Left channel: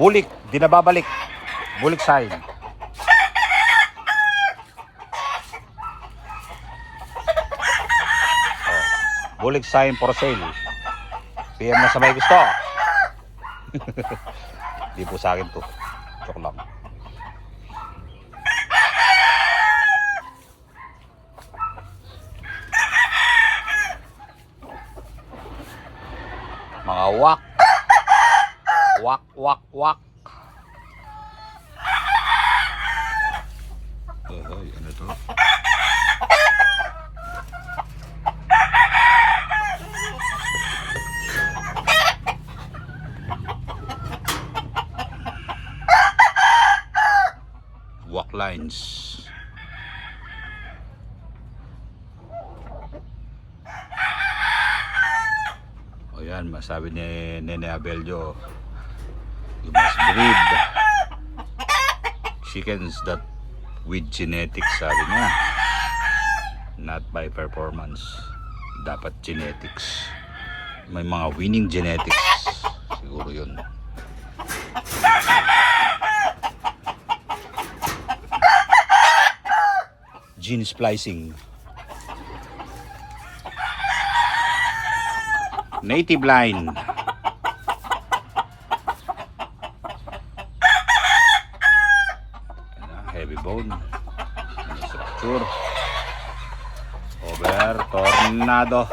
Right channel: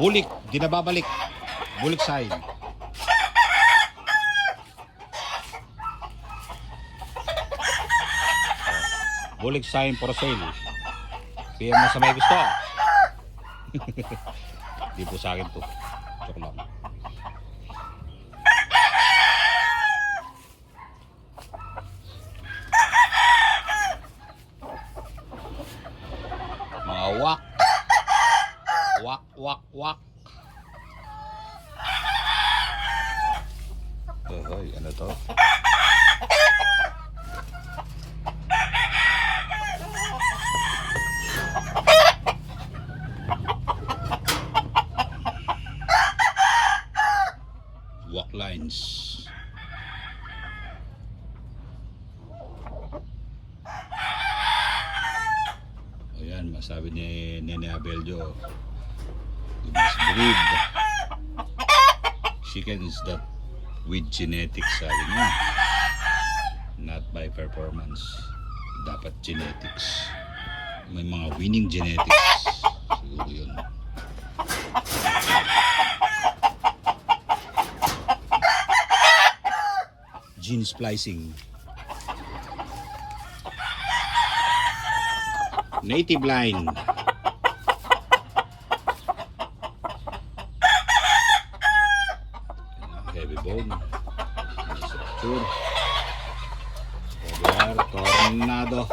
Bulik, di na babalik. Bulik sign. Bulik sign for sale. PM na sa may gusto. Di po sa akin to. Joke lang. Mga wak. Wak, wak, wak. Ay, ano to? Walk lines. O yan, masabi ni Nene Abeljo, you must breed chickens that with genetics, sabi niya, not by performance. Dapat genetics, may mga winning genetics, siguro yun. Gene splicing. Native line. Heavy bone. Structure. Over. Tornado.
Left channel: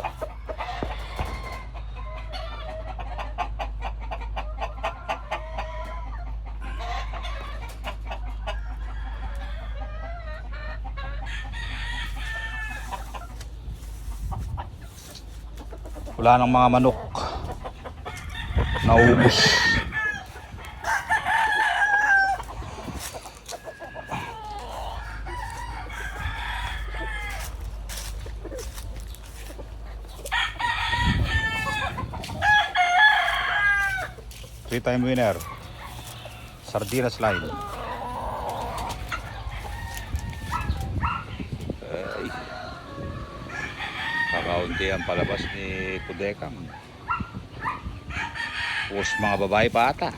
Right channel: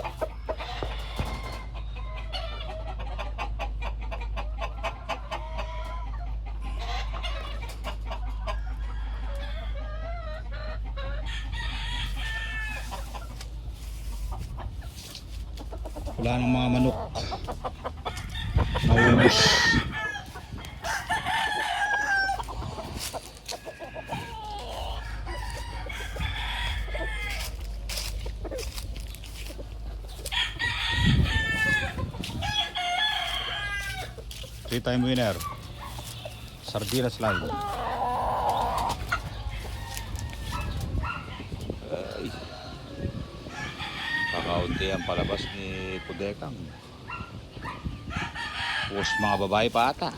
Wala ng mga manok, naubos. Three-time winner, Sardinas line. Kakaunti ang palabas ni Kudekang. Pus mga babae pa ata.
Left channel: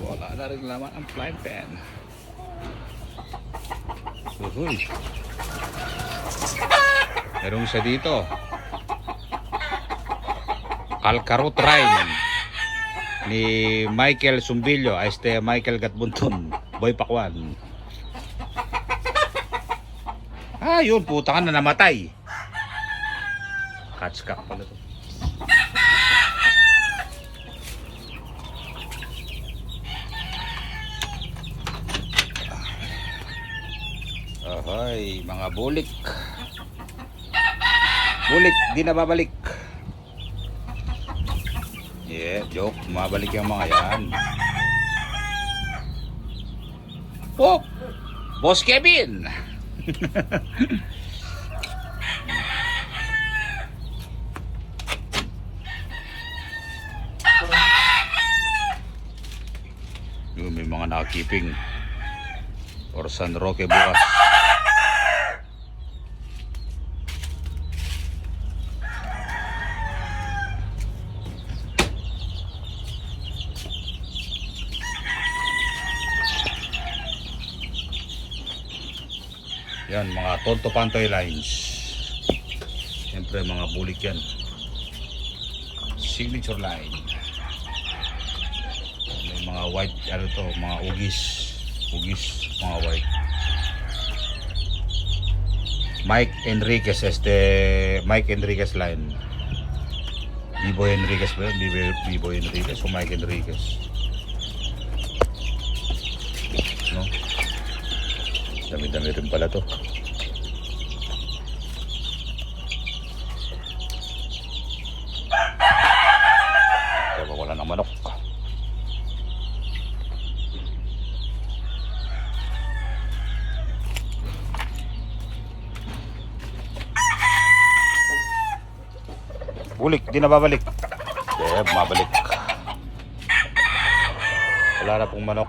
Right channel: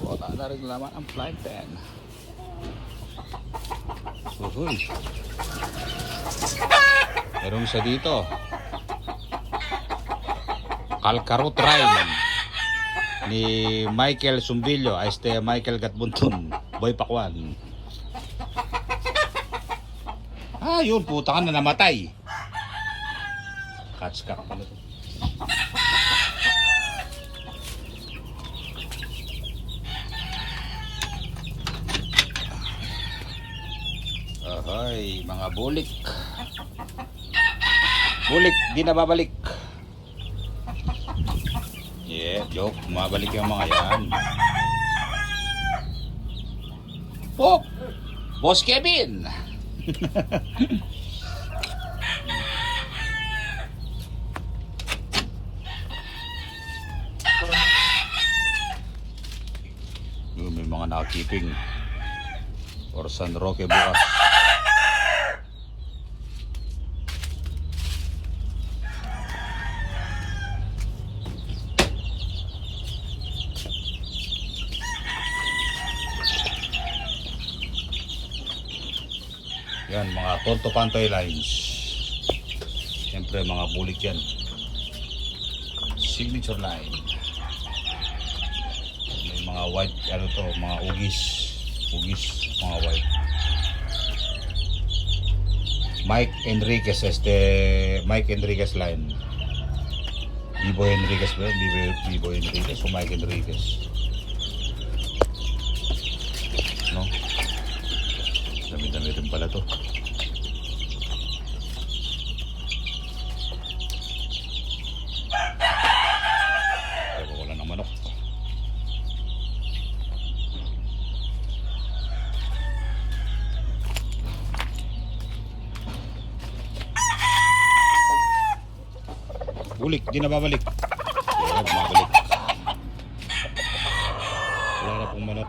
Wala na rin naman ang flying pen. Uhuy. Meron siya dito. Kalkarot Rhyme ni Michael Sumbilyo. Este Michael Gatbuntun. Boy Pakwan. Ah, yun, puta ka na namatay. Catch cock pala to. Ahoy, mga bulik. Bulik, di na babalik. Yeah, joke, mabalik yung mga yan. Oh, Boss Kevin. May mga nakakiping or San Roque bukas. Yan, mga Tonto Pantoy lines. Siyempre mga bulik yan. Signature line. May mga white, ano to, mga ugis. Ugis, mga white. Mike Enriquez, Mike Enriquez line. Biboy Enriquez ba? Biboy Enriquez o Mike Enriquez? No? Dami-dami rin pala to. Pero wala ng manok. Bulik, di na babalik. Mabalik. Wala na pong manok.